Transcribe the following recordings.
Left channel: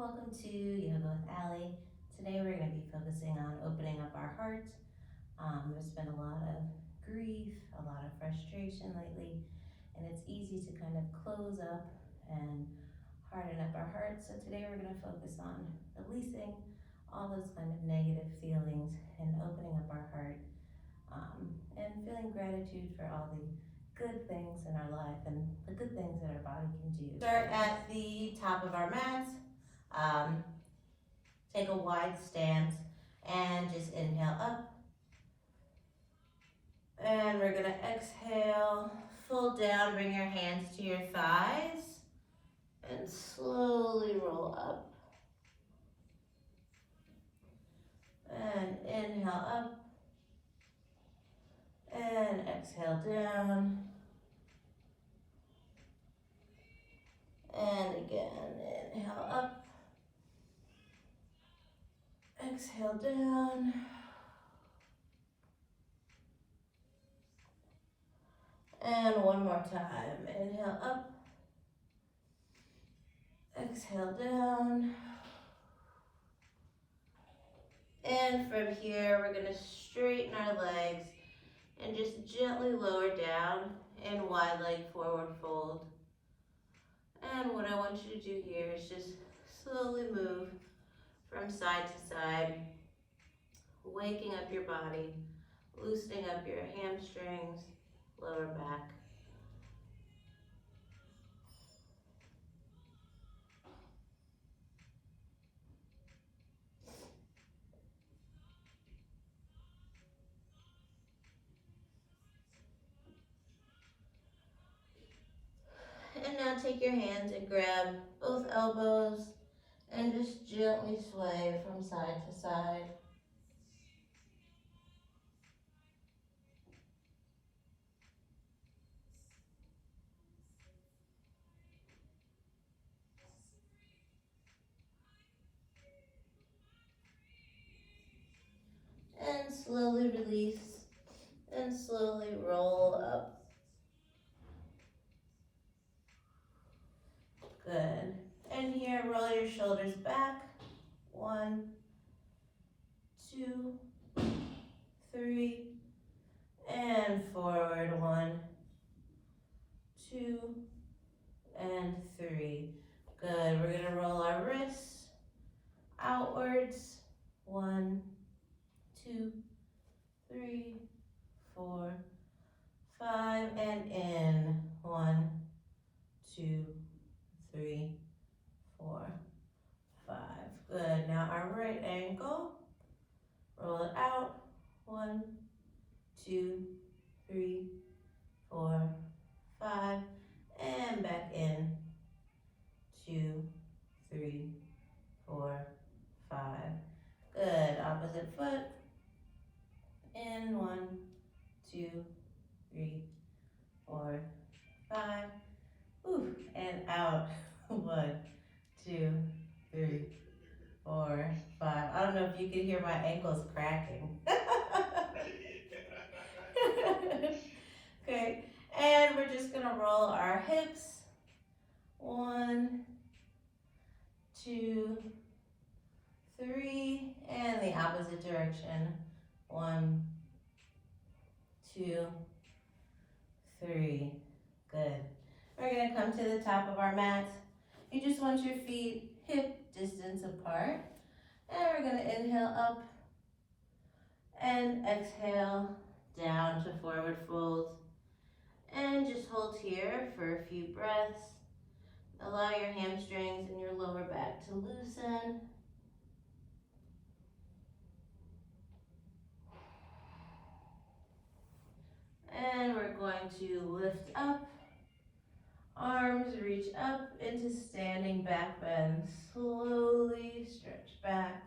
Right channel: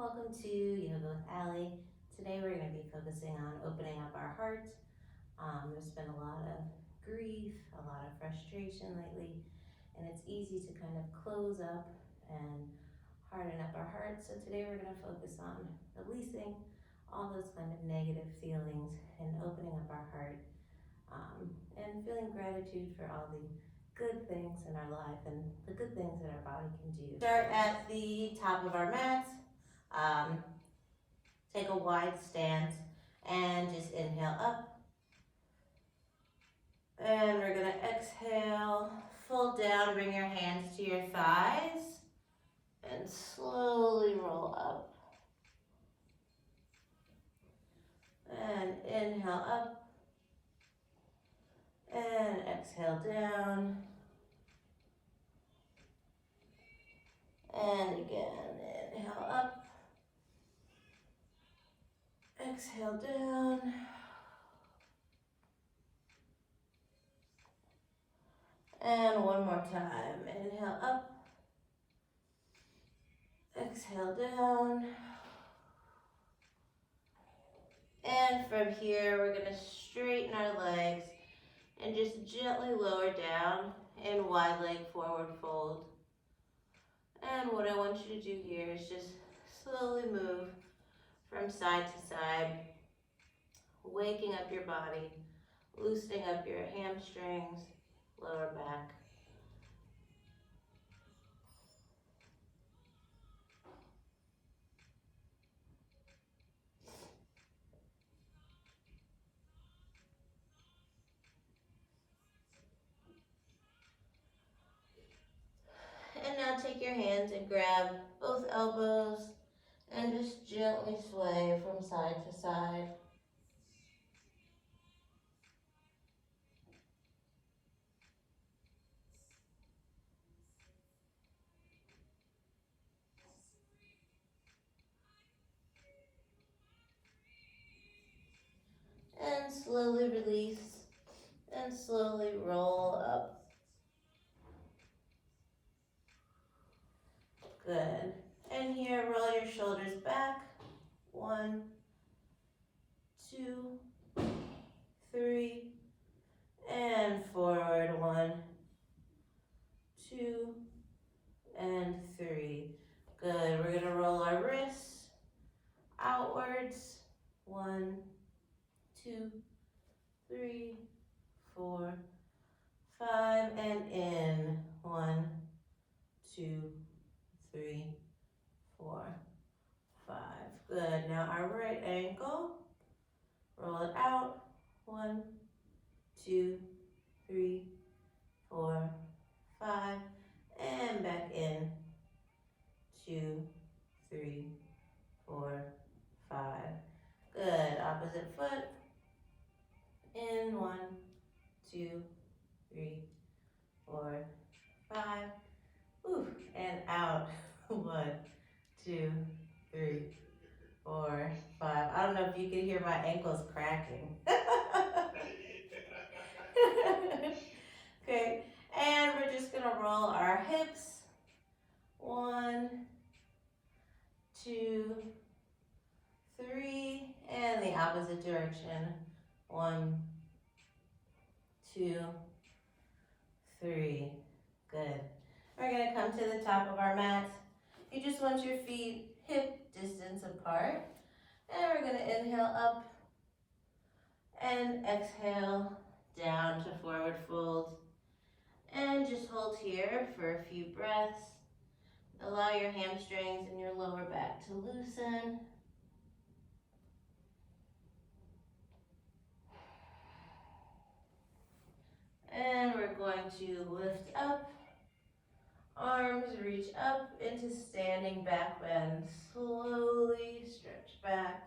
Welcome to Yoga with Allie. Today we're going to be focusing on opening up our heart. There's been a lot of grief, a lot of frustration lately, and it's easy to kind of close up and harden up our heart. So today we're going to focus on releasing all those kind of negative feelings and opening up our heart, and feeling gratitude for all the good things in our life and the good things that our body can do. Start at the top of our mats. Take a wide stance and just inhale up. And we're gonna exhale, fold down, bring your hands to your thighs, and slowly roll up. And inhale up, and exhale down. And again, inhale up. Exhale down. And one more time. Inhale up. Exhale down. And from here, we're going to straighten our legs and just gently lower down and wide leg forward fold. And what I want you to do here is just slowly move from side to side, waking up your body, loosening up your hamstrings, lower back. And now take your hands and grab both elbows and just gently sway from side to side. And slowly release and slowly roll up. Good. And here, roll your shoulders back. 1, 2, 3, and forward. 1, 2, and 3. Good. We're going to roll our wrists outwards. 1, 2, 3, 4, 5, and in. 1, 2, 3, 4, 5. Good. Now our right ankle, roll it out. 1, 2, 3, 4, 5, and back in. 2, 3, 4, 5. Good. Opposite foot. In. 1, 2, 3, 4, 5. Ooh, and out. 1, 2, 3, 4, 5. I don't know if you can hear my ankles cracking. Okay, and we're just gonna roll our hips. 1, 2, 3, and the opposite direction. 1, 2, 3. Good. We're gonna come to the top of our mats. You just want your feet hip distance apart. And we're gonna inhale up and exhale down to forward fold. And just hold here for a few breaths. Allow your hamstrings and your lower back to loosen. And we're going to lift up. Arms reach up into standing back bend. Slowly stretch back.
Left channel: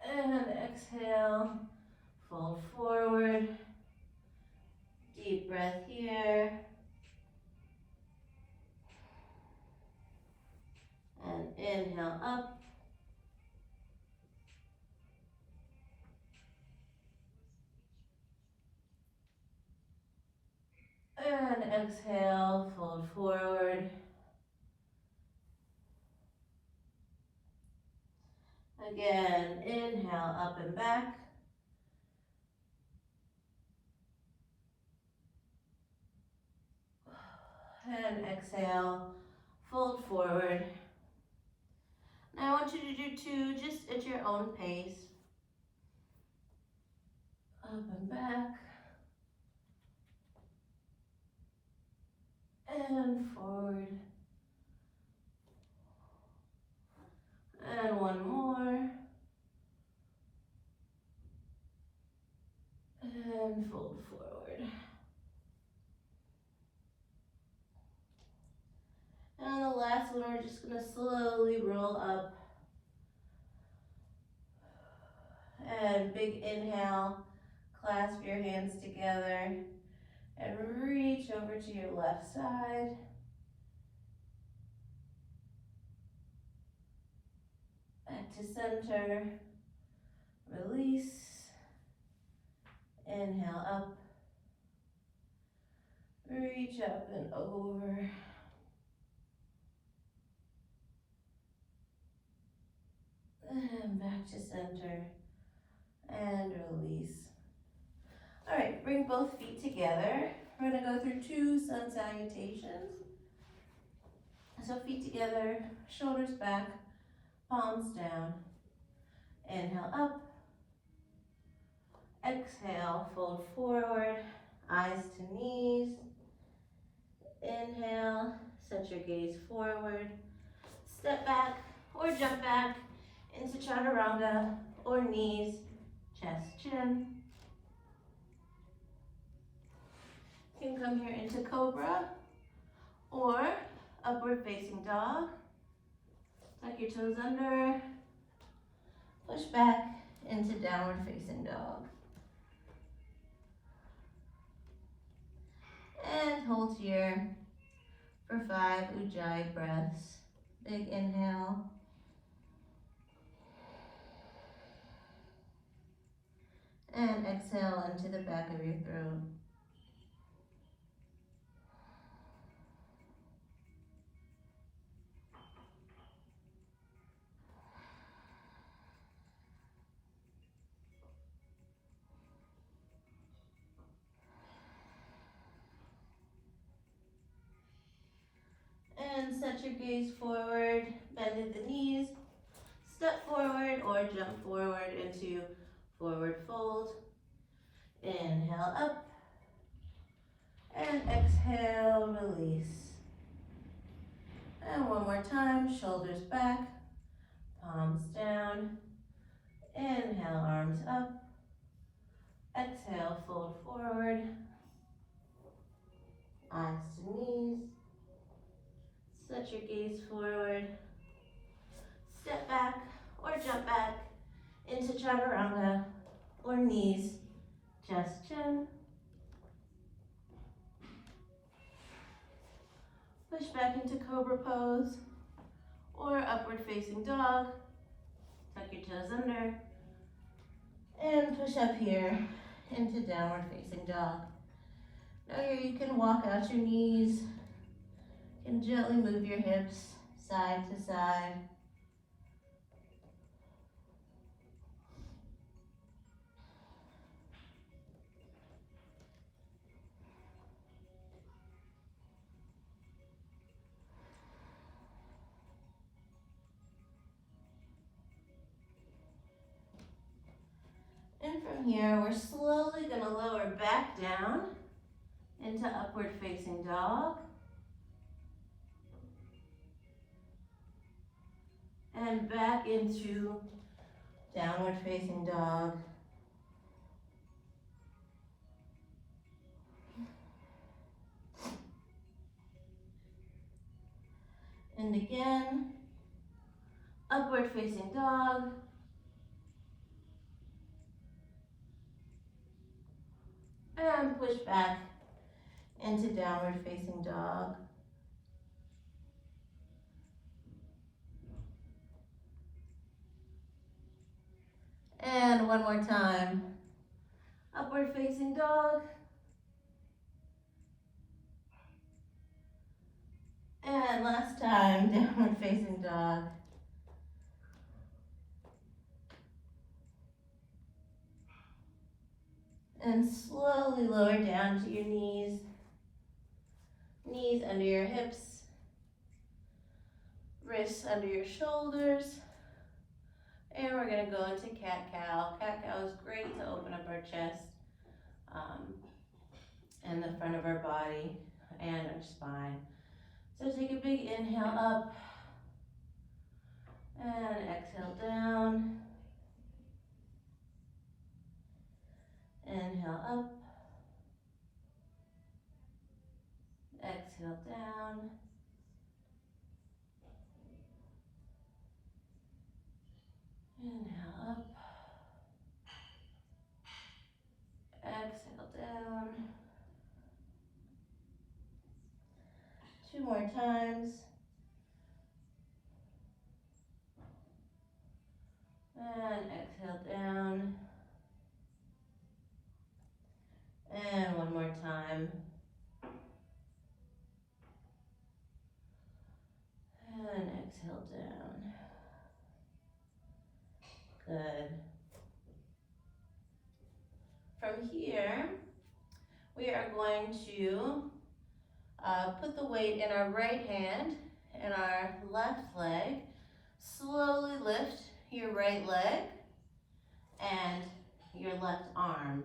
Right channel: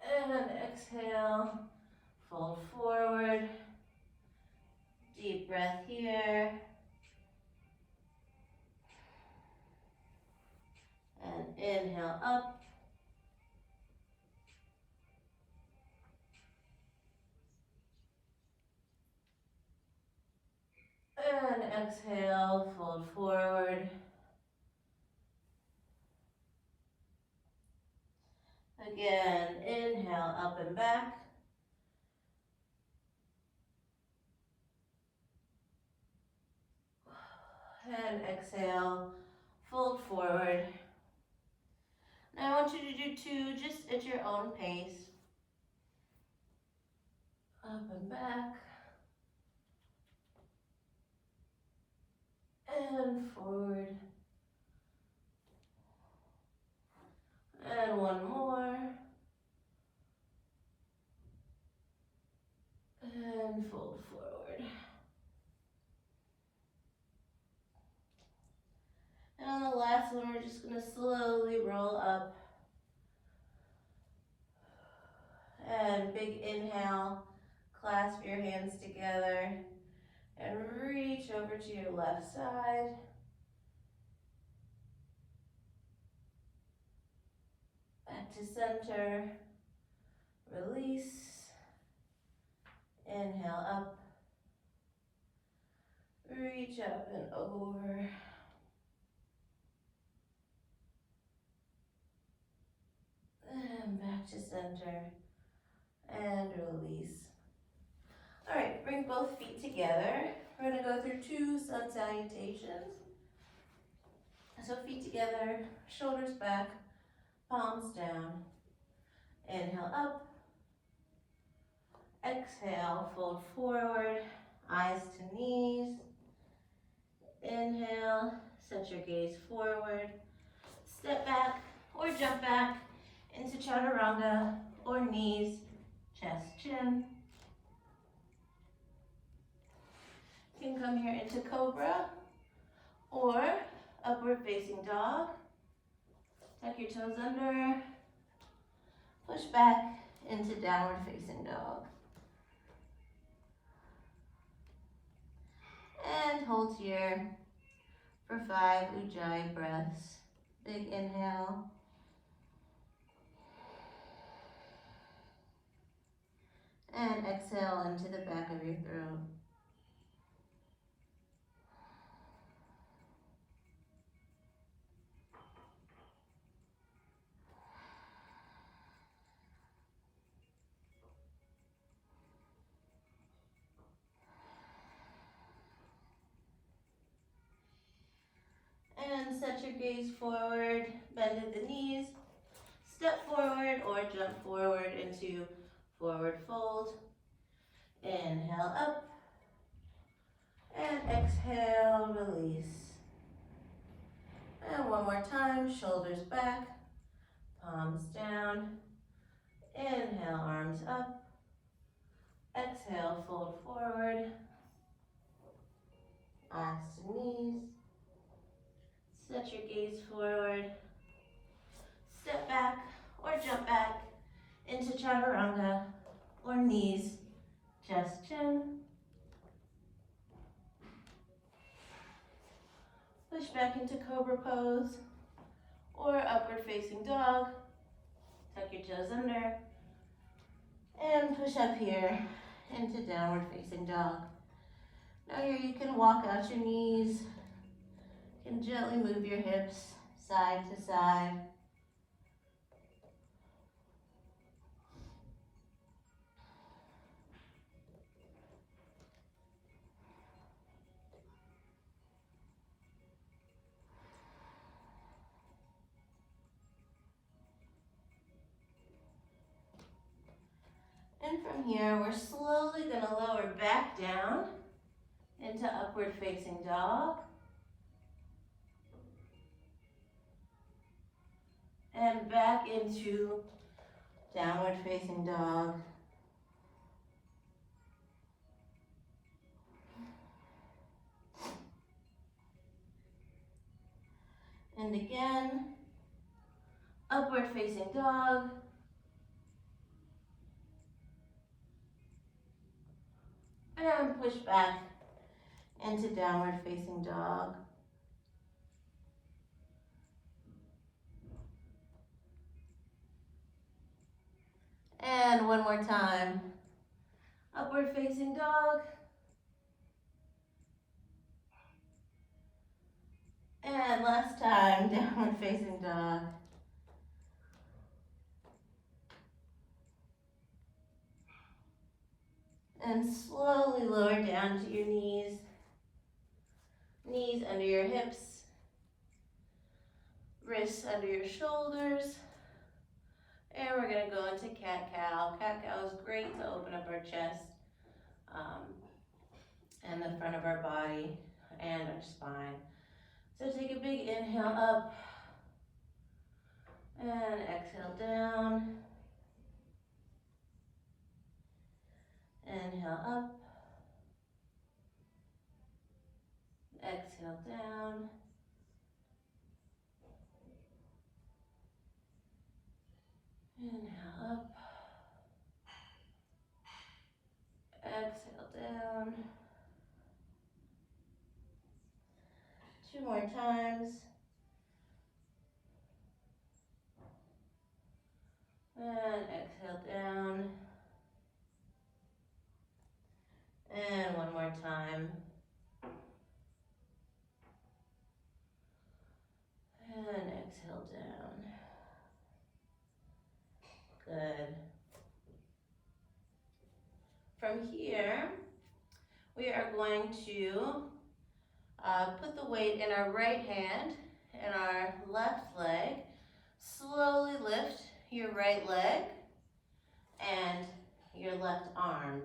And exhale, fold forward. Deep breath here. And inhale up. And exhale, fold forward. again, inhale, up and back. And exhale, fold forward. Now I want you to do two just at your own pace. Up and back. And forward. And one more. And fold forward. And on the last one, we're just going to slowly roll up. And big inhale, clasp your hands together and reach over to your left side. Back to center, release, inhale up, reach up and over. And back to center and release. All right, bring both feet together. We're gonna go through two sun salutations. So feet together, shoulders back, palms down. Inhale up. Exhale, fold forward, eyes to knees. Inhale, set your gaze forward. Step back or jump back into chaturanga or knees, chest, chin. You can come here into cobra or upward facing dog. Tuck your toes under. Push back into downward facing dog. And hold here for 5 Ujjayi breaths. Big inhale. And exhale into the back of your throat. And set your gaze forward, bend at the knees, step forward or jump forward into forward fold. Inhale up, and exhale, release. And one more time, shoulders back, palms down. Inhale, arms up. Exhale, fold forward, eyes to knees. Set your gaze forward, step back or jump back into chaturanga or knees, chest, chin. Push back into cobra pose or upward facing dog. Tuck your toes under and push up here into downward facing dog. Now here you can walk out your knees. You can gently move your hips side to side. And from here, we're slowly going to lower back down into upward facing dog. And back into downward facing dog. And again, upward facing dog. And push back into downward facing dog. And one more time, upward facing dog. And last time, downward facing dog. And slowly lower down to your knees. Knees under your hips. Wrists under your shoulders. And we're going to go into cat-cow. Cat-cow is great to open up our chest and the front of our body and our spine. So take a big inhale up and exhale down. Inhale up. Exhale down. Inhale up. Exhale down. 2 more times. And exhale down. And 1 more time. And exhale down. Good. From here, we are going to put the weight in our right hand and our left leg. Slowly lift your right leg and your left arm.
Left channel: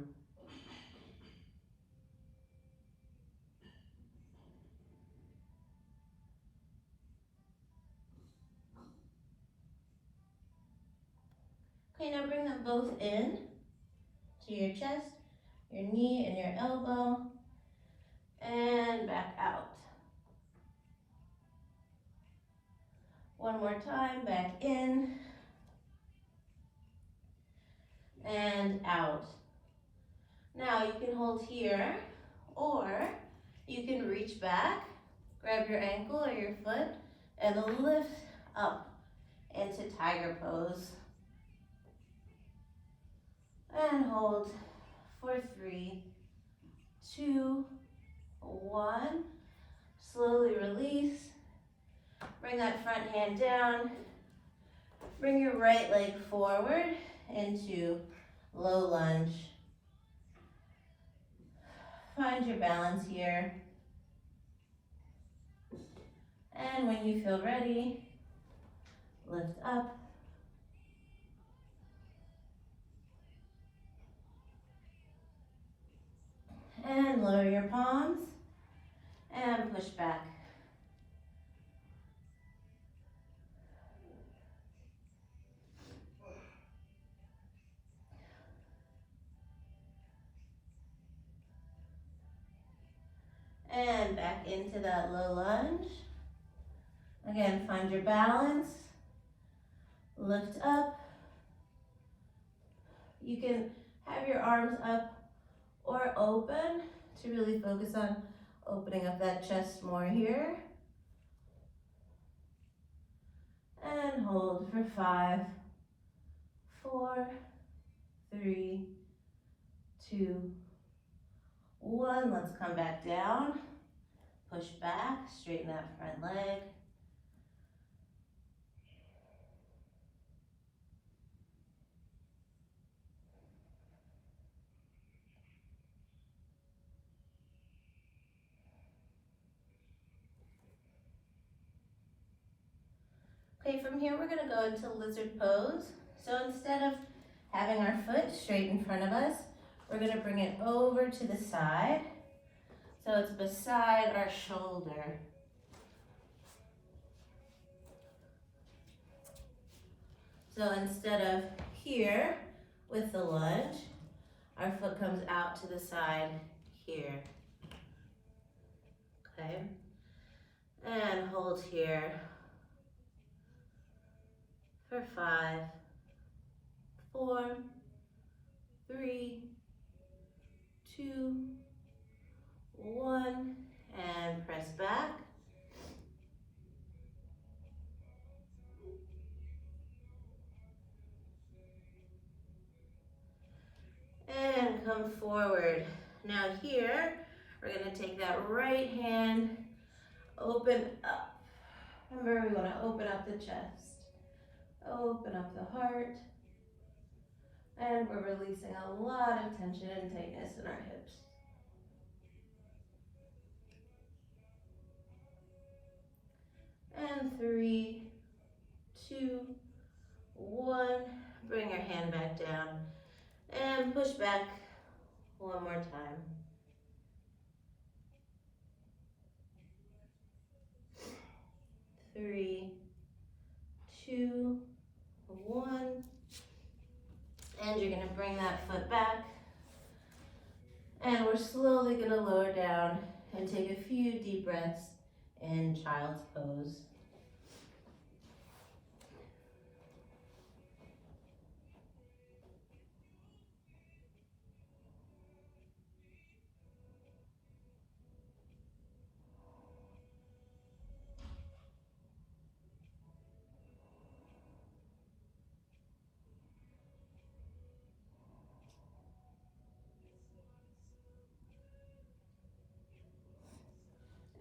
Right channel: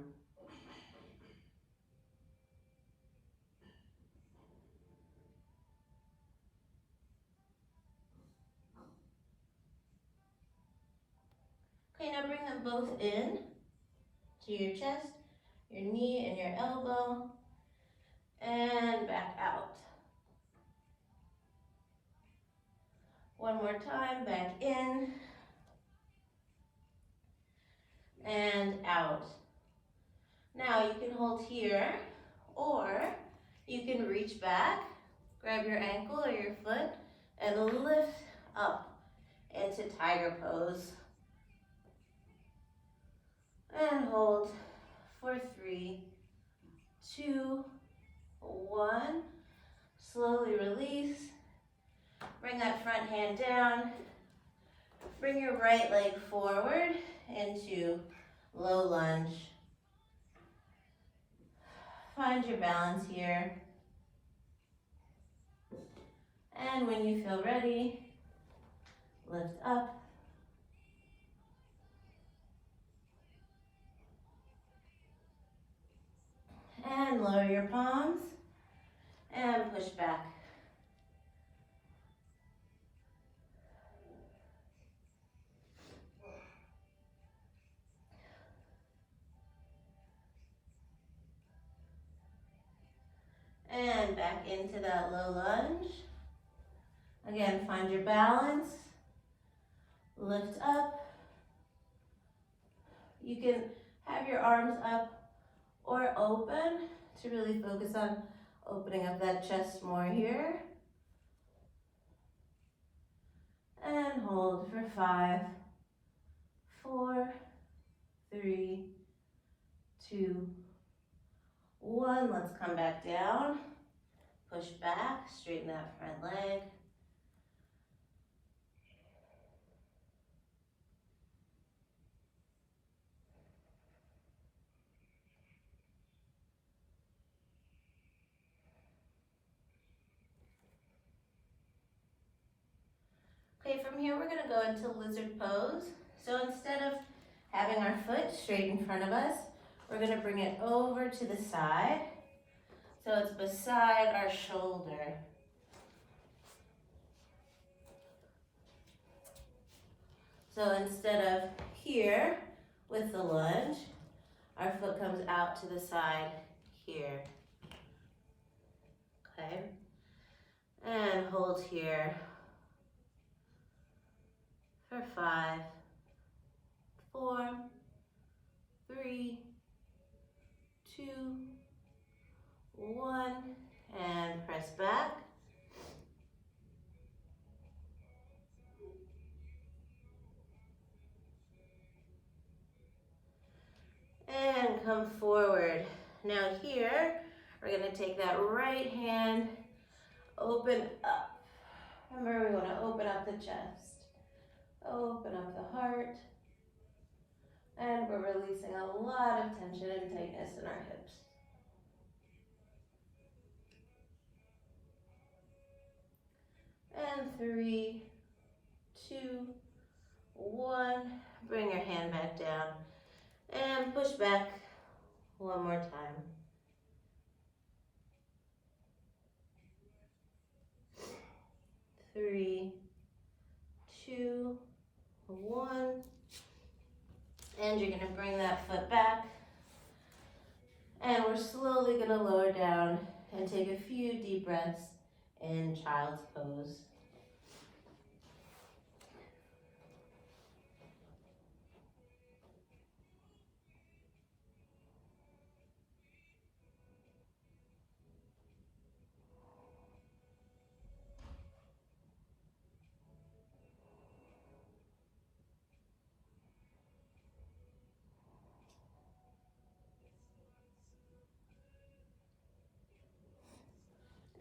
Okay, now bring them both in to your chest, your knee and your elbow, and back out. 1 more time, back in, and out. Now you can hold here, or you can reach back, grab your ankle or your foot, and lift up into tiger pose. And hold for 3, 2, 1. Slowly release. Bring that front hand down. Bring your right leg forward into low lunge. Find your balance here. And when you feel ready, lift up. And lower your palms and push back. And back into that low lunge. Again, find your balance. Lift up. You can have your arms up or open to really focus on opening up that chest more here. And hold for 5, 4, 3, 2, 1. Let's come back down. Push back, straighten that front leg. Okay, from here we're gonna go into lizard pose. So instead of having our foot straight in front of us, we're gonna bring it over to the side. So it's beside our shoulder. So instead of here with the lunge, our foot comes out to the side here. Okay, and hold here for 5, 4, 3, 2, 1, and press back. And come forward. Now here, we're gonna take that right hand, open up. Remember, we wanna open up the chest. Open up the heart. And we're releasing a lot of tension and tightness in our hips. And 3, 2, 1. Bring your hand back down and push back one more time. 3, 2, 1. And you're going to bring that foot back. And we're slowly going to lower down and take a few deep breaths in child's pose.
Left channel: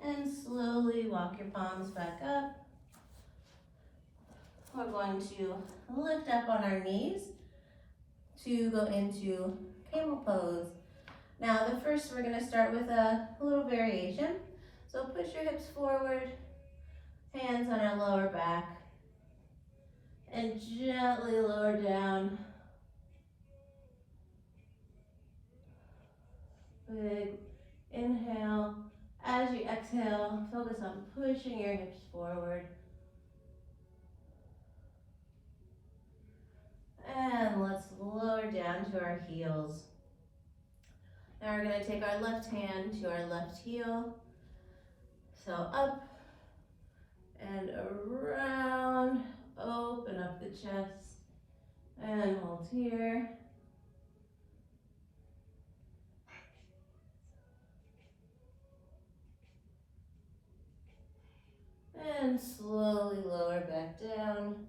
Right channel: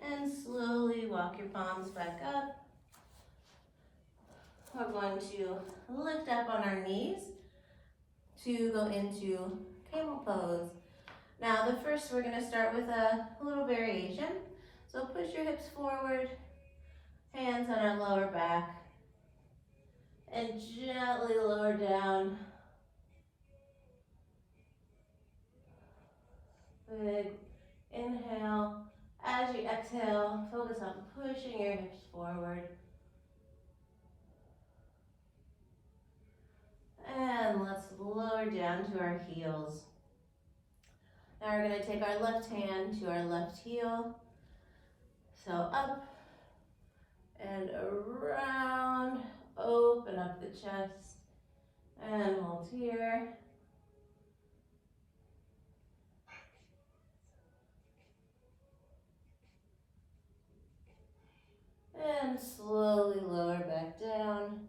And slowly walk your palms back up. We're going to lift up on our knees to go into camel pose. Now first we're going to start with a little variation. So push your hips forward, hands on our lower back, and gently lower down. Big inhale. As you exhale, focus on pushing your hips forward. And let's lower down to our heels. Now we're going to take our left hand to our left heel. So up and around, open up the chest, and hold here. And slowly lower back down.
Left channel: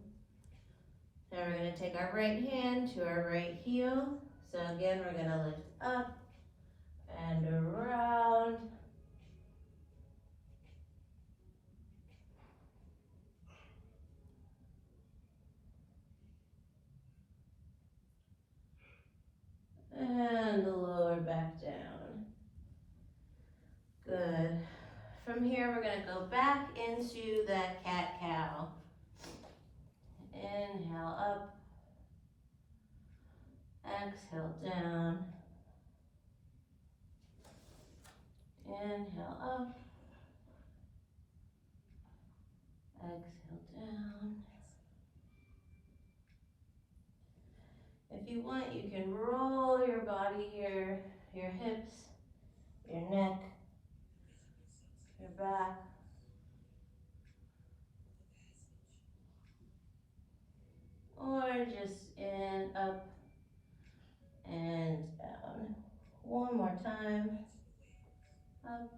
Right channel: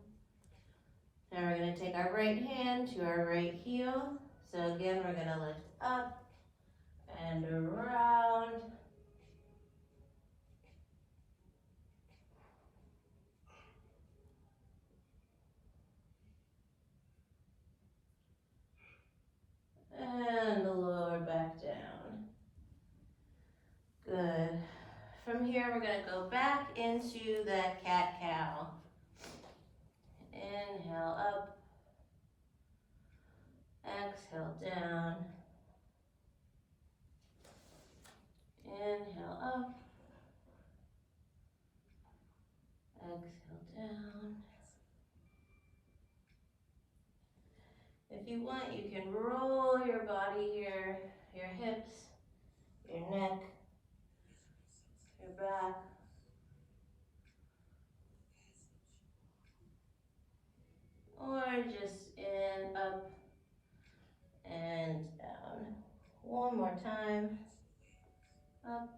Now we're going to take our right hand to our right heel. So again, we're going to lift up and around. And lower back down. Good. From here, we're going to go back into that cat-cow. Inhale up. Exhale down. Inhale up. Exhale down. If you want, you can roll your body here, your hips, your neck, your back. Or just in, up, and down. One more time. Up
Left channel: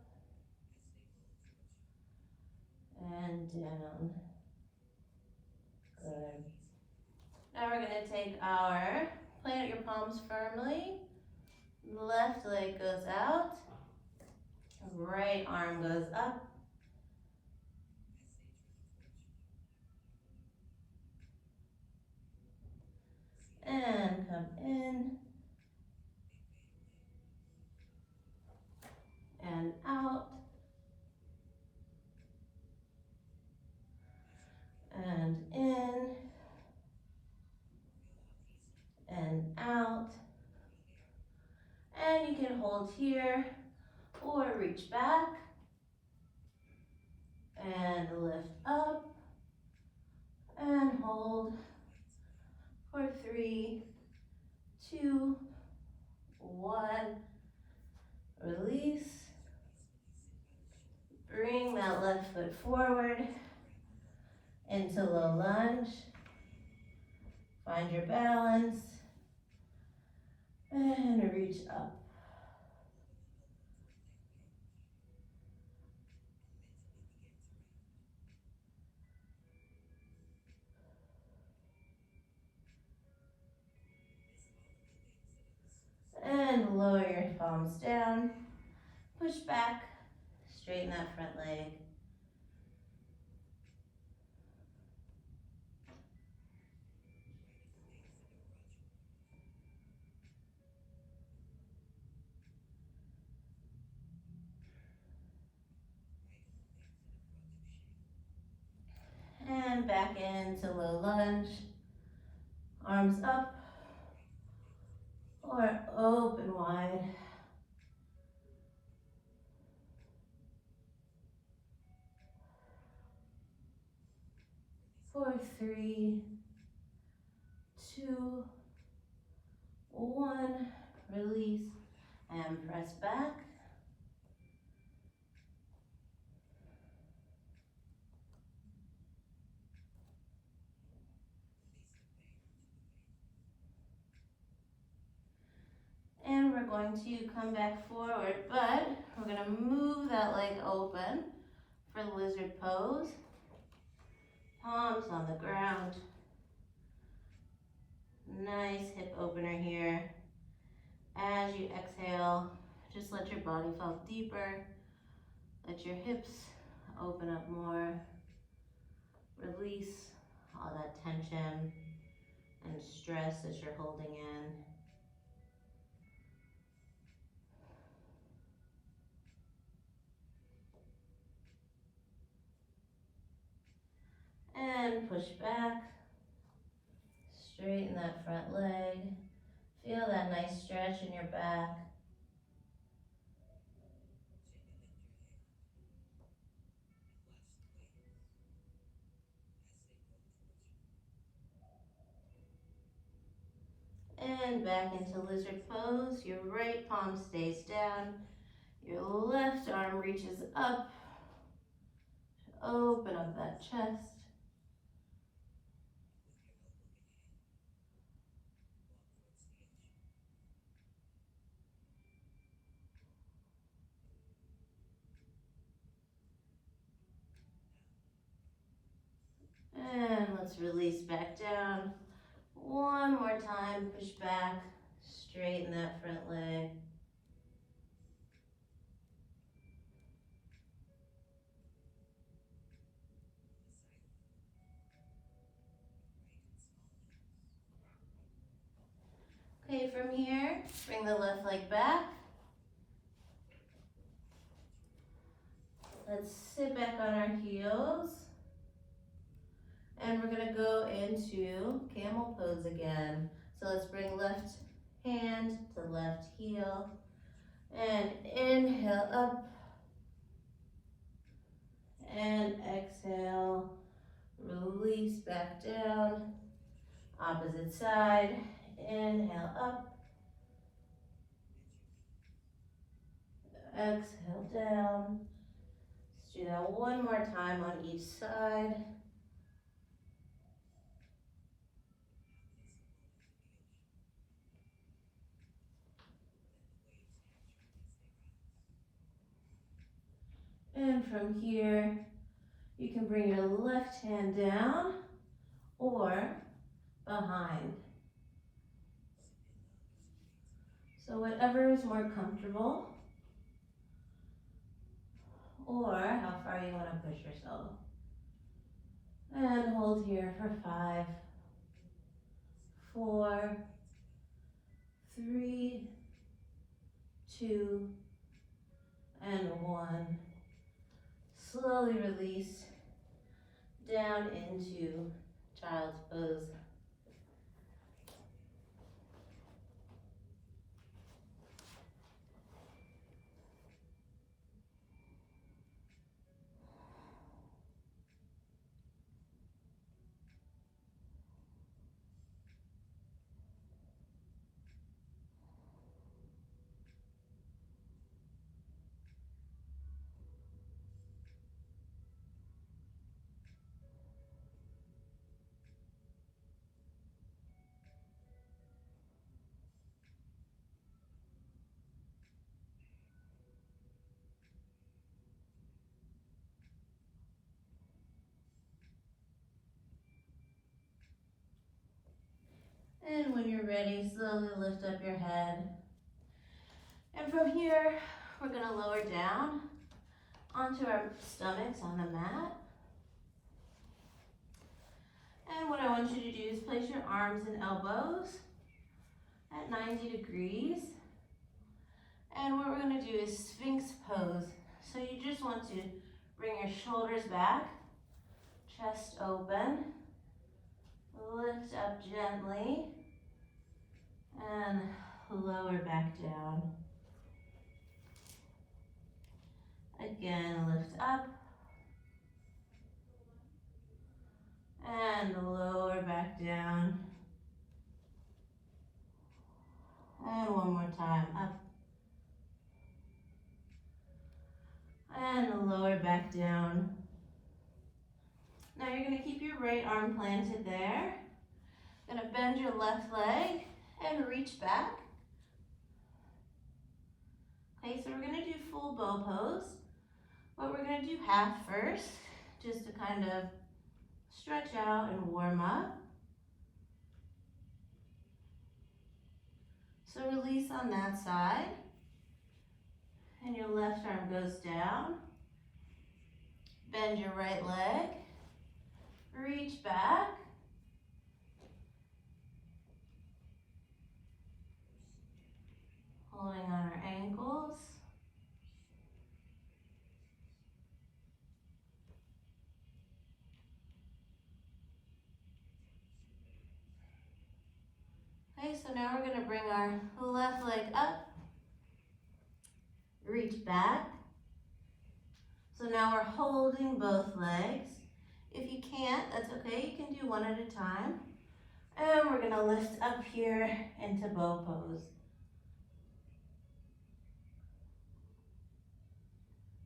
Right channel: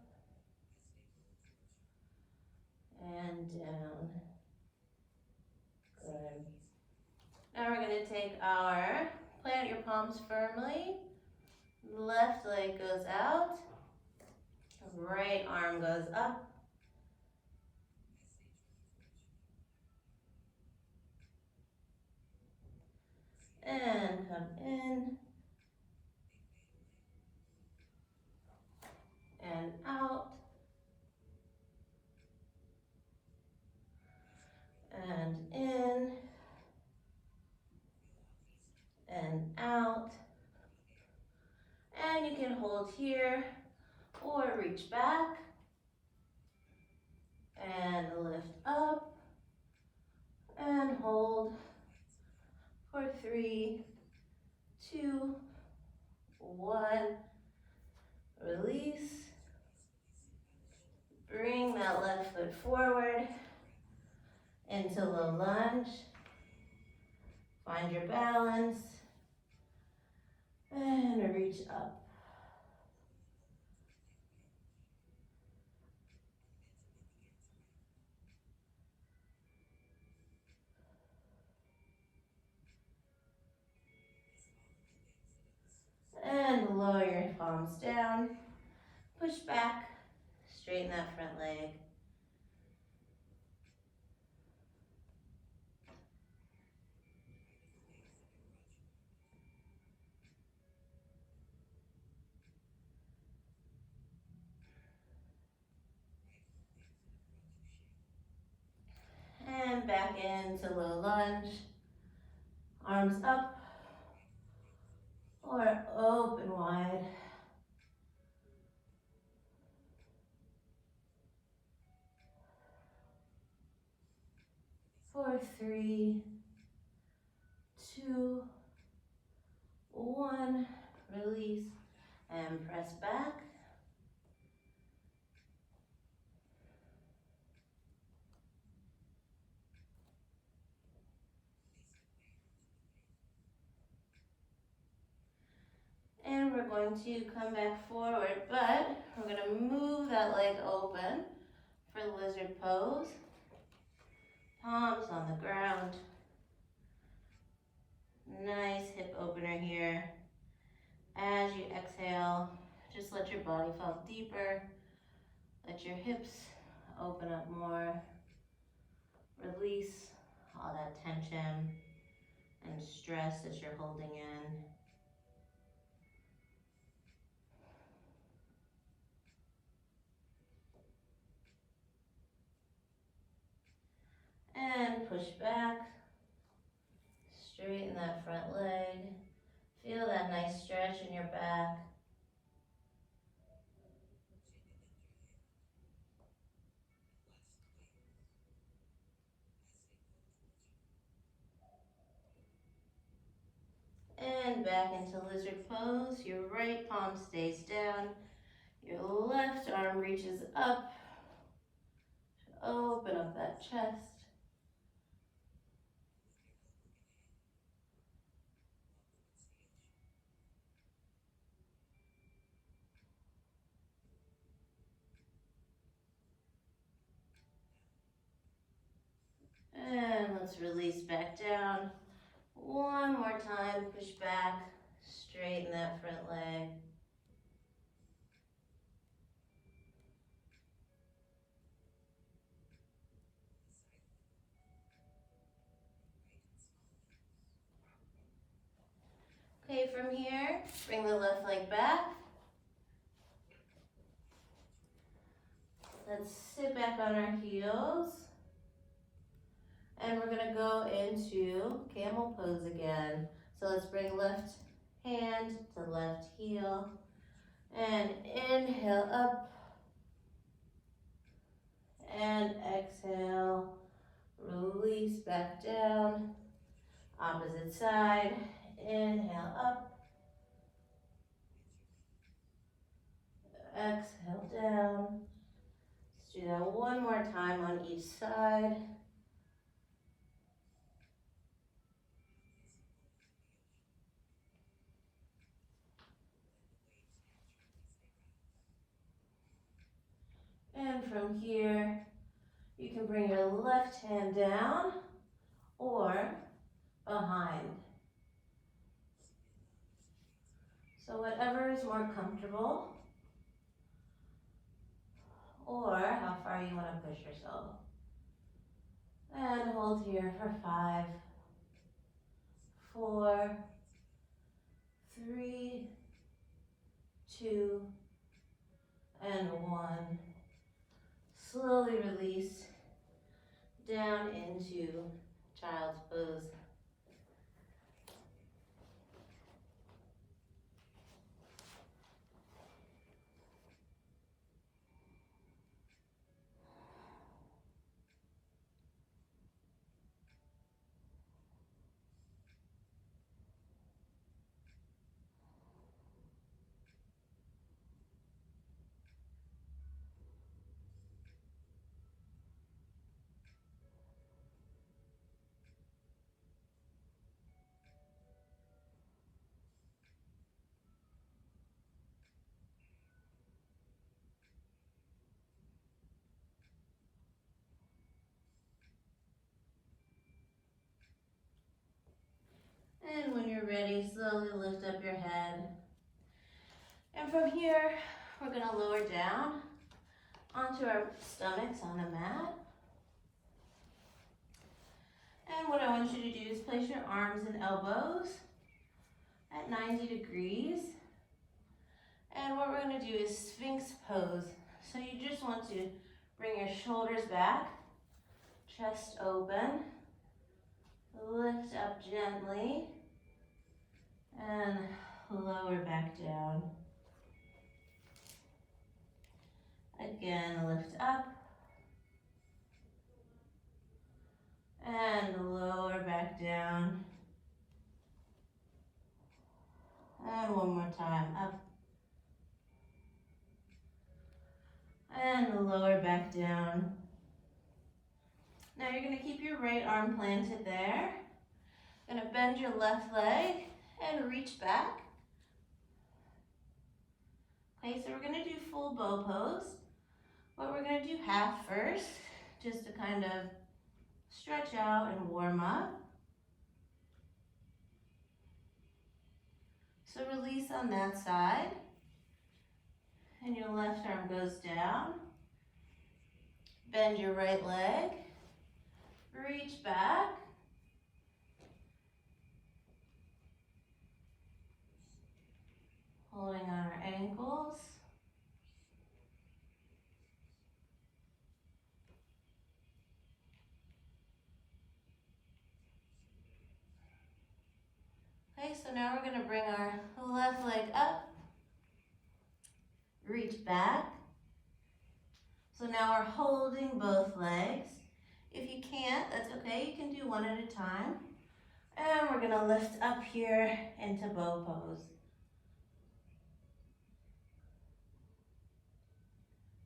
and down. Good. Now we're going to take our, plant your palms firmly. Left leg goes out. Right arm goes up. And come in. And out. And in. And out. And you can hold here or reach back and lift up and hold for 3, 2, 1. Release. Bring that left foot forward into low lunge. Find your balance and reach up. And lower your palms down. Push back. Straighten that front leg. And back into low lunge. Arms up or open wide. For 3, 2, 1. Release and press back. And we're going to come back forward, but we're going to move that leg open for lizard pose. Palms on the ground. Nice hip opener here. As you exhale, just let your body fall deeper. Let your hips open up more. Release all that tension and stress that you're holding in. And push back. Straighten that front leg. Feel that nice stretch in your back. And back into lizard pose. Your right palm stays down. Your left arm reaches up. Open up that chest. And let's release back down. One more time, push back. Straighten that front leg. Okay, from here, bring the left leg back. Let's sit back on our heels. And we're gonna go into camel pose again. So let's bring left hand to left heel. And inhale up. And exhale, release back down. Opposite side, inhale up. Exhale down. Let's do that one more time on each side. And from here, you can bring your left hand down or behind. So whatever is more comfortable, or how far you want to push yourself. And hold here for 5, 4, 3, 2, and 1. Slowly release down into child's pose. And when you're ready, slowly lift up your head. And from here, we're going to lower down onto our stomachs on the mat. And what I want you to do is place your arms and elbows at 90 degrees. And what we're going to do is Sphinx pose. So you just want to bring your shoulders back, Chest open. Lift up gently. And lower back down. Again, lift up. And lower back down. And one more time, up. And lower back down. Now you're gonna keep your right arm planted there. Gonna bend your left leg and reach back. Okay, so we're gonna do full bow pose, but we're gonna do half first, just to kind of stretch out and warm up. So release on that side, and your left arm goes down. Bend your right leg, reach back. Holding on our ankles. Okay, so now we're gonna bring our left leg up, reach back. So now we're holding both legs. If you can't, that's okay, you can do one at a time. And we're gonna lift up here into bow pose.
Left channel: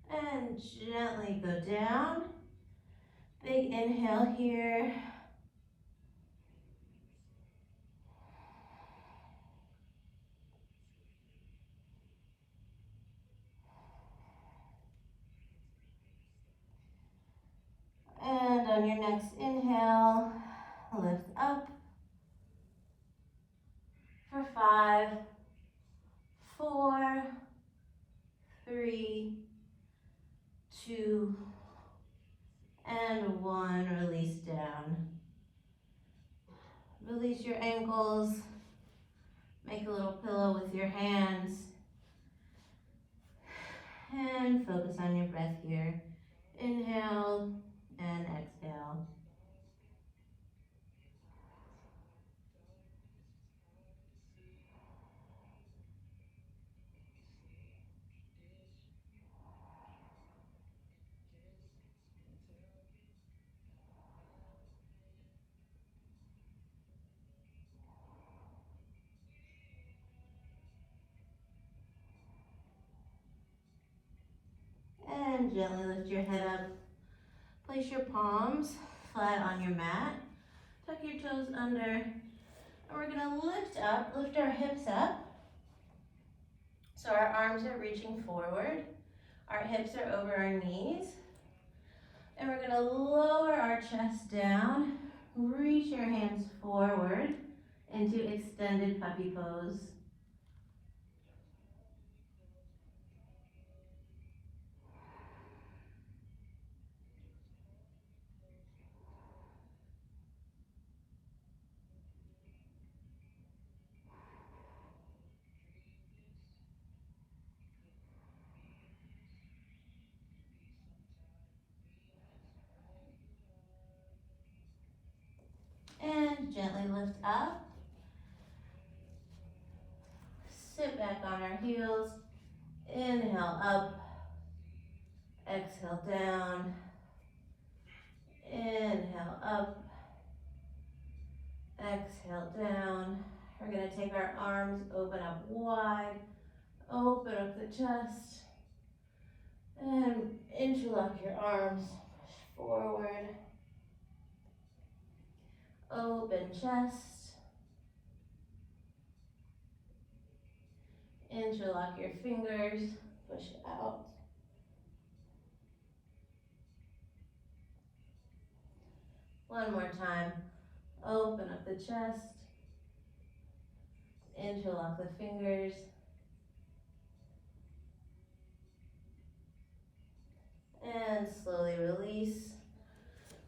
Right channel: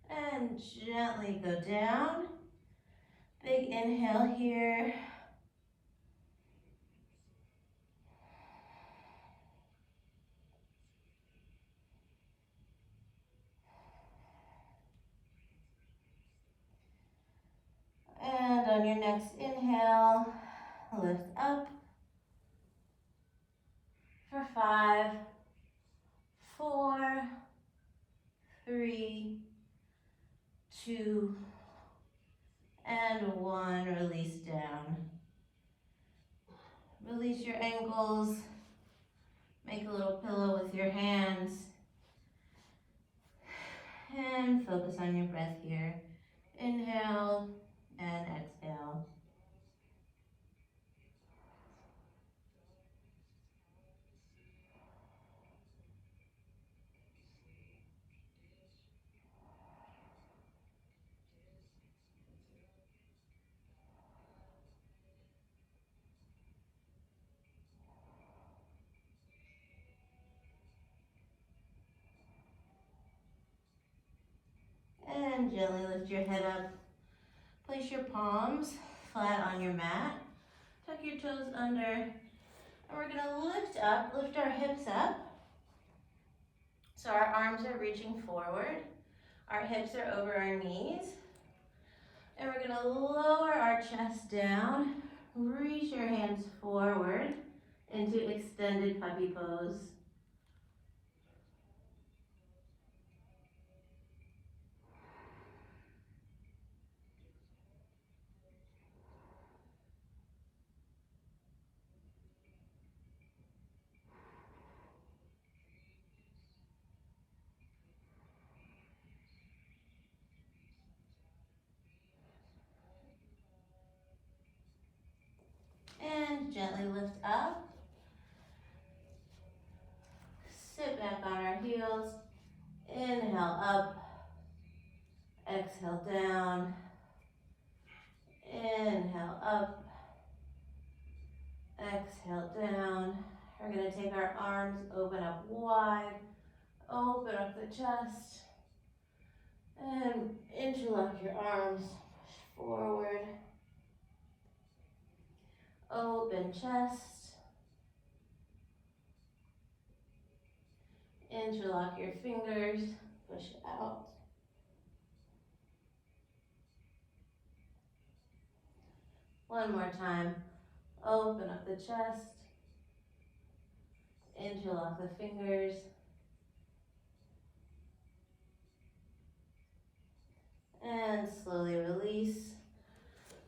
And gently go down. Big inhale here. And on your next inhale, lift up for 5, 4, 3, 2, and 1. Release down. Release your ankles. Make a little pillow with your hands. And focus on your breath here. Inhale and exhale. And gently lift your head up. Place your palms flat on your mat. Tuck your toes under. And we're gonna lift up, lift our hips up. So our arms are reaching forward. Our hips are over our knees. And we're gonna lower our chest down. Reach your hands forward into extended puppy pose. And gently lift up. Sit back on our heels. Inhale up. Exhale down. Inhale up. Exhale down. We're going to take our arms, open up wide. Open up the chest. And interlock your arms. Push forward. Open chest. Interlock your fingers. Push out. One more time. Open up the chest. Interlock the fingers. And slowly release.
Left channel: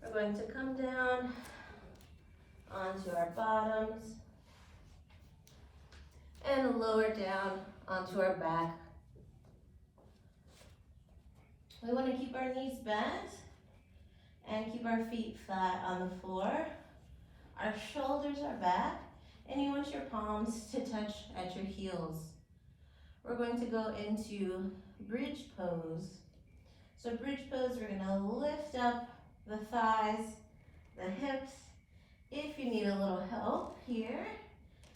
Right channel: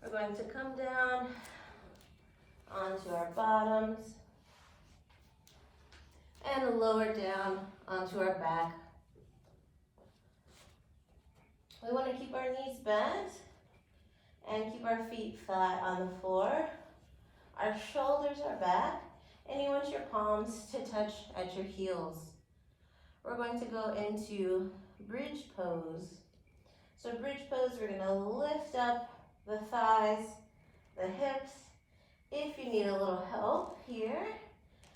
We're going to come down onto our bottoms and lower down onto our back. We want to keep our knees bent And keep our feet flat on the floor. Our shoulders are back, and you want your palms to touch at your heels. We're going to go into bridge pose. So bridge pose, we're gonna lift up the thighs, the hips. If you need a little help here,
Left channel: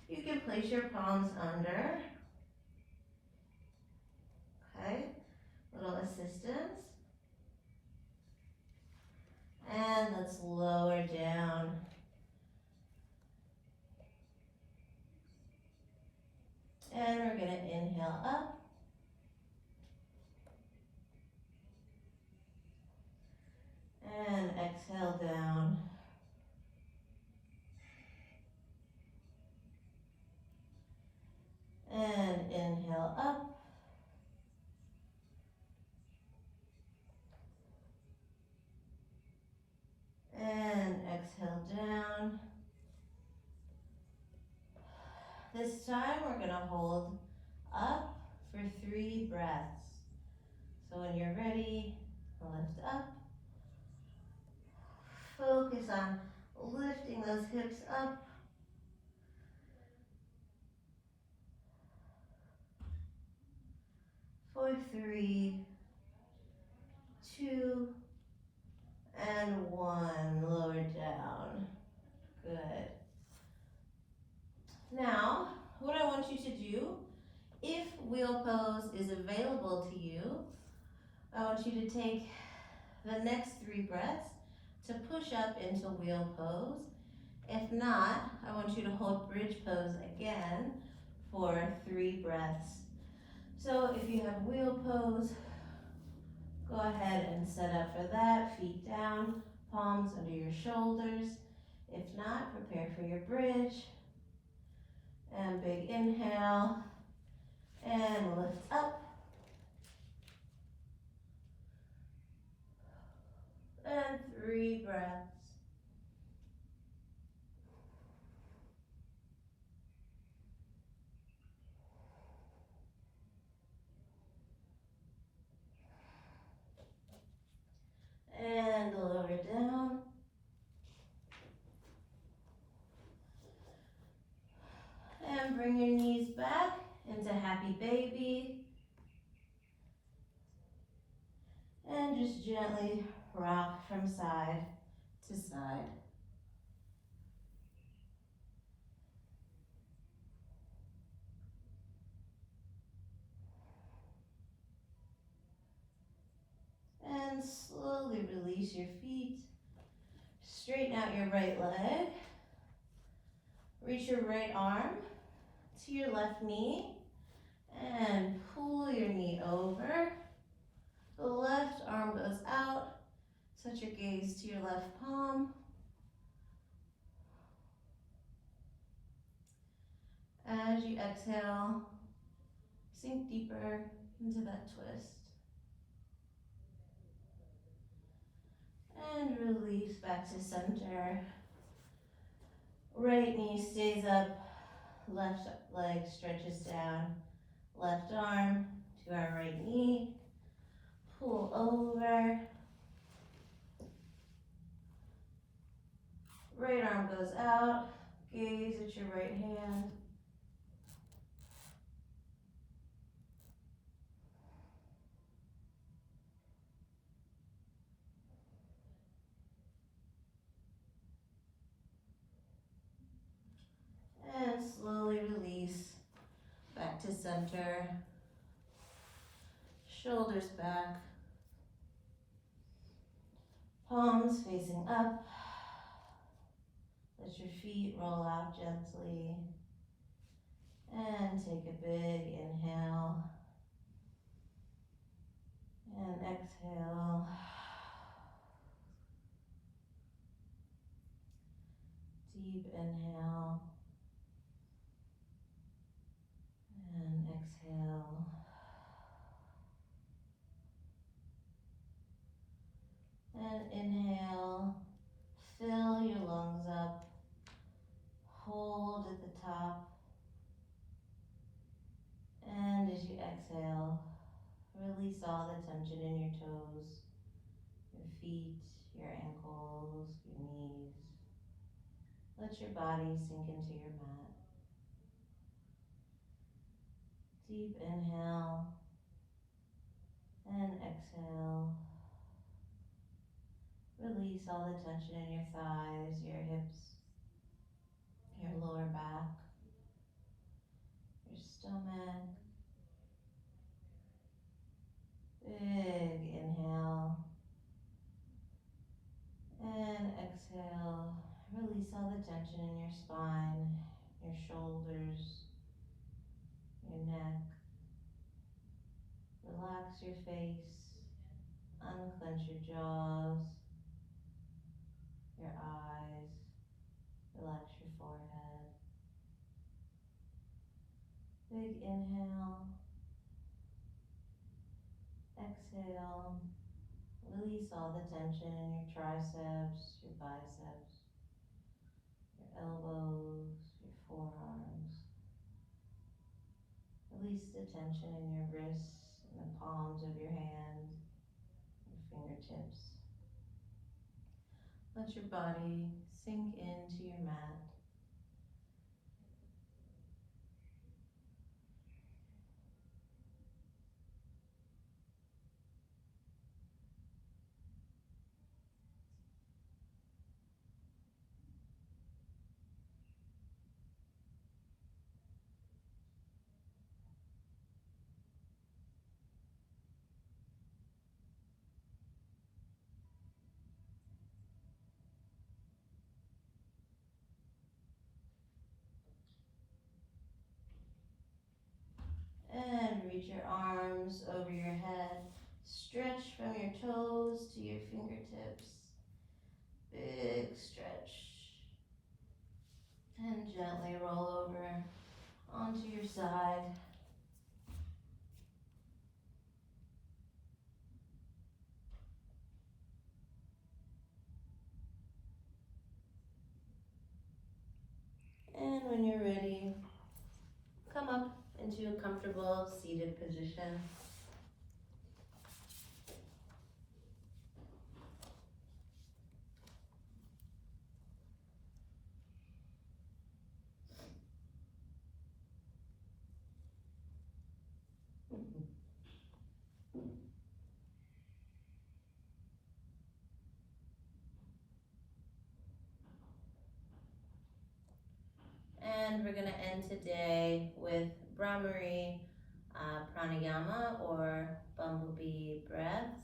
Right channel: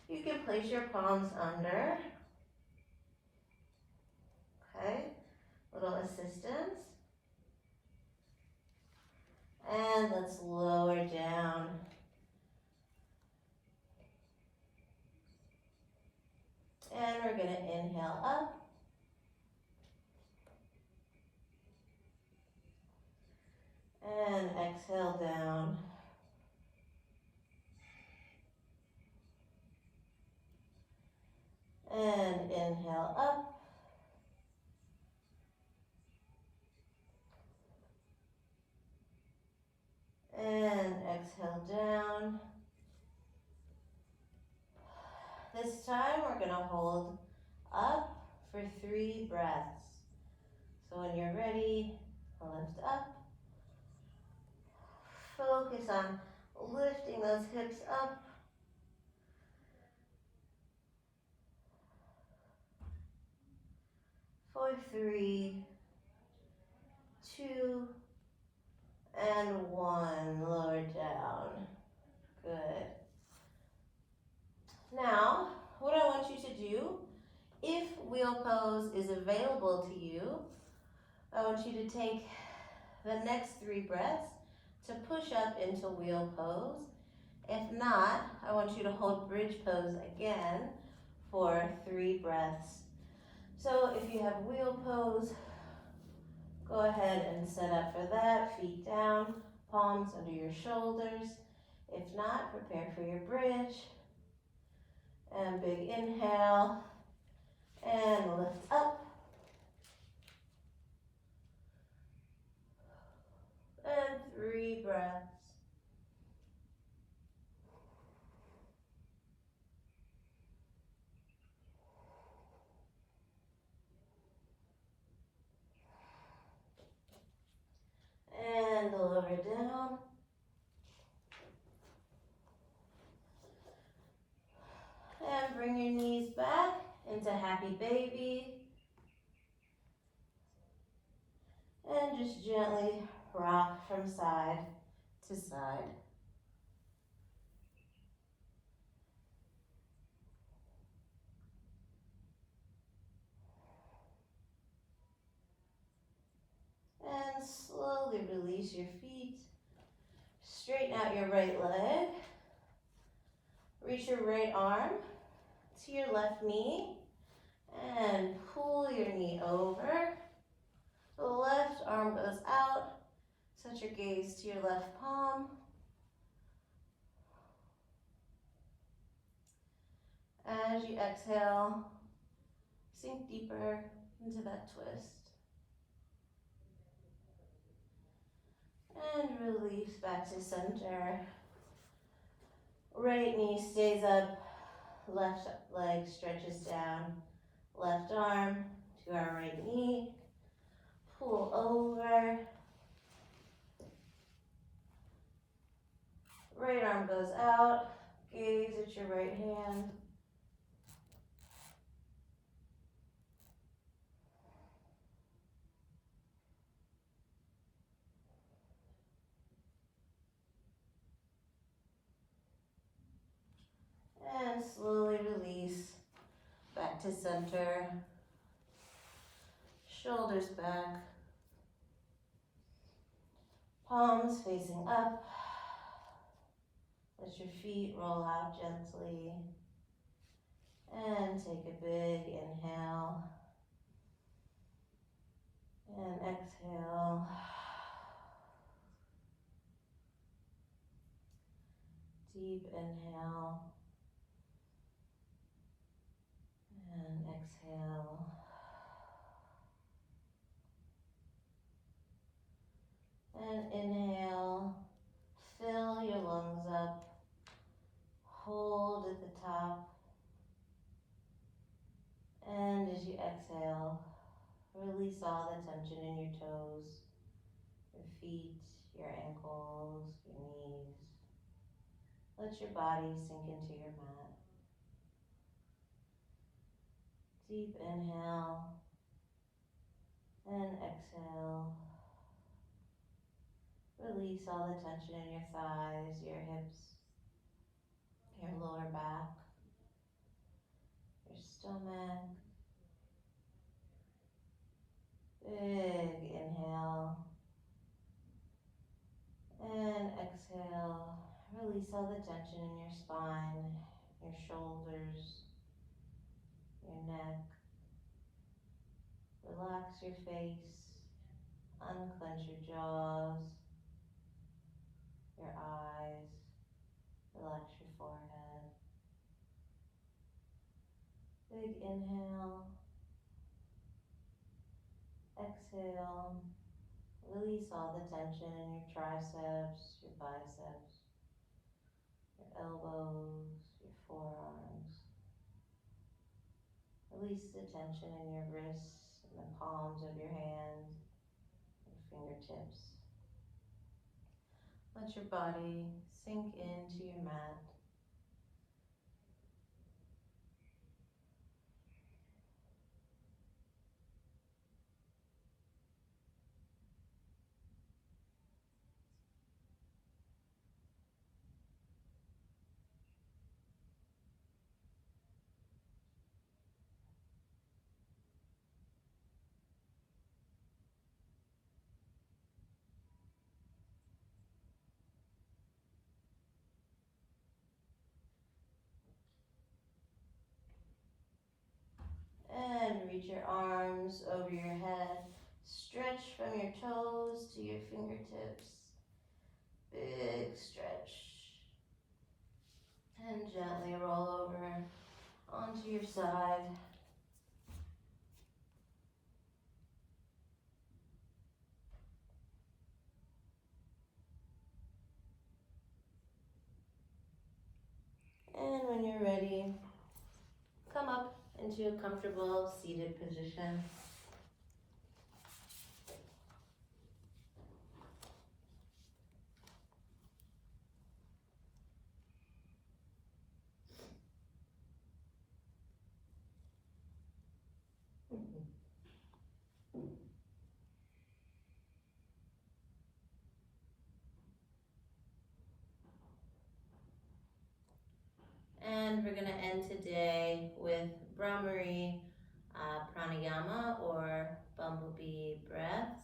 you can place your palms under. Okay, little assistance. And let's lower down. And we're gonna inhale up. And exhale down. And inhale up. And exhale down. This time we're gonna hold up for 3 breaths. So when you're ready, lift up. Focus on lifting those hips up. For 3, 2, and 1. Lower down. Good. Now, what I want you to do, if wheel pose is available to you, I want you to take the next 3 breaths to push up into wheel pose. If not, I want you to hold bridge pose again for 3 breaths. So if you have wheel pose, go ahead and set up for that. Feet down, palms under your shoulders. If not, prepare for your bridge. And big inhale. And lift up. And 3 breaths. And lower down. And bring your knees back into happy baby. And just gently rock from side to side. And slowly release your feet. Straighten out your right leg. Reach your right arm to your left knee and pull your knee over. The left arm goes out. Set your gaze to your left palm. As you exhale, sink deeper into that twist. And release back to center. Right knee stays up, left leg stretches down. Left arm to our right knee. Pull over. Right arm goes out. Gaze at your right hand. And slowly release back to center. Shoulders back. Palms facing up. Let your feet roll out gently. And take a big inhale. And exhale. Deep inhale. And exhale. And inhale. Fill your lungs up. Hold at the top. And as you exhale, release all the tension in your toes, your feet, your ankles, your knees. Let your body sink into your mat. Deep inhale and exhale. Release all the tension in your thighs, your hips, your lower back, your stomach. Big inhale and exhale. Release all the tension in your spine, your shoulders, your neck. Relax your face, unclench your jaws, your eyes, relax your forehead. Big inhale, exhale. Release all the tension in your triceps, your biceps, your elbows, your forearms. Release the tension in your wrists and the palms of your hands, your fingertips. Let your body sink into your mat. And reach your arms over your head. Stretch from your toes to your fingertips. Big stretch. And gently roll over onto your side. And when you're ready, come up into a comfortable seated position. And we're going to end today with Brahmari pranayama or Bumblebee breaths.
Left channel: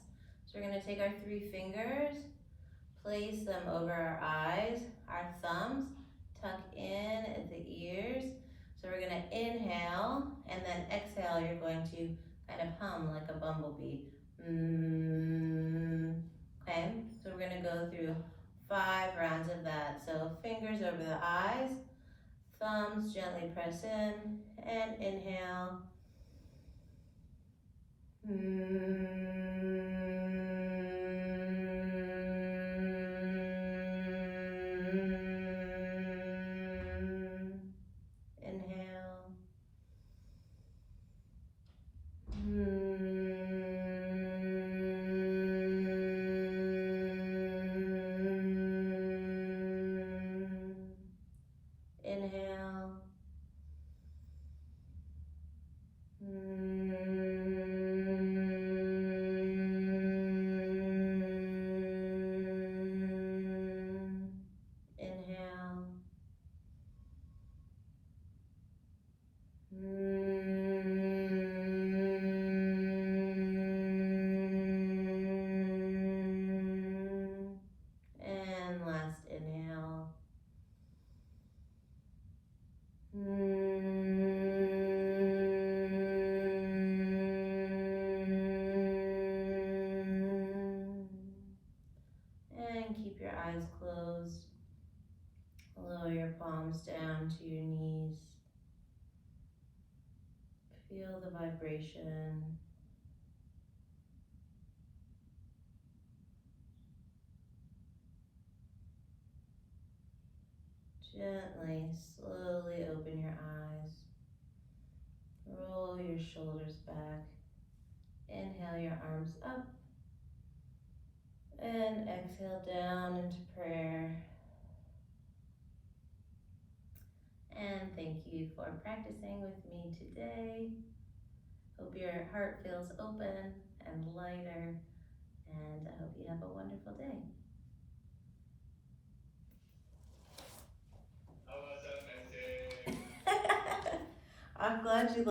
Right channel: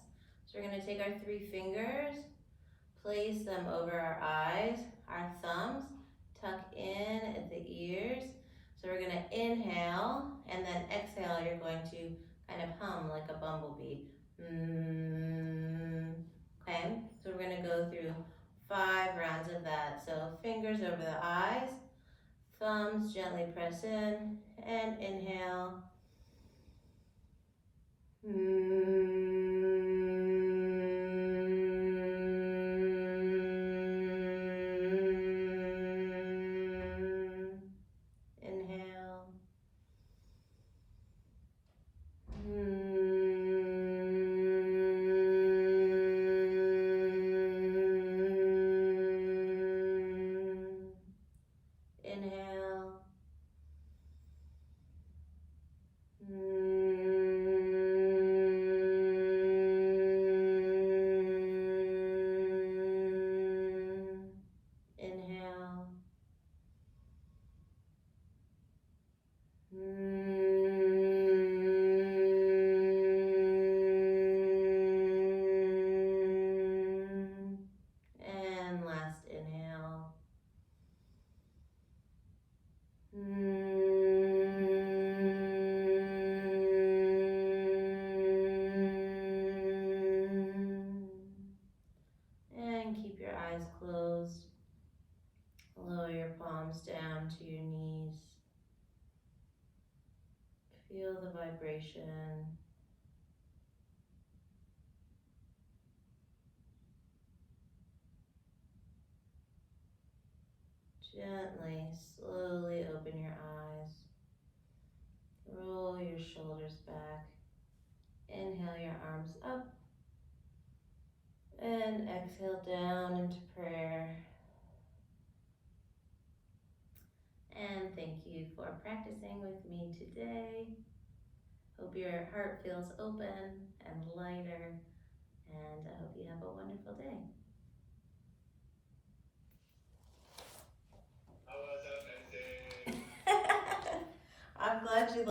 So we're going to take our 3 fingers, place them over our eyes, our thumbs, tuck in at the ears. So we're going to inhale, and then exhale, you're going to kind of hum like a bumblebee. Okay, so we're going to go through 5 rounds of that. So fingers over the eyes, thumbs gently press in, and inhale. Inhale. Inhale. Inhale. And last inhale. And keep your eyes closed. Lower your palms down to your knees. Feel the vibration. Gently, slowly open your eyes. Roll your shoulders back. Inhale your arms up And exhale down into prayer. And thank you for practicing with me today. Hope your heart feels open and lighter, and I hope you have a wonderful day.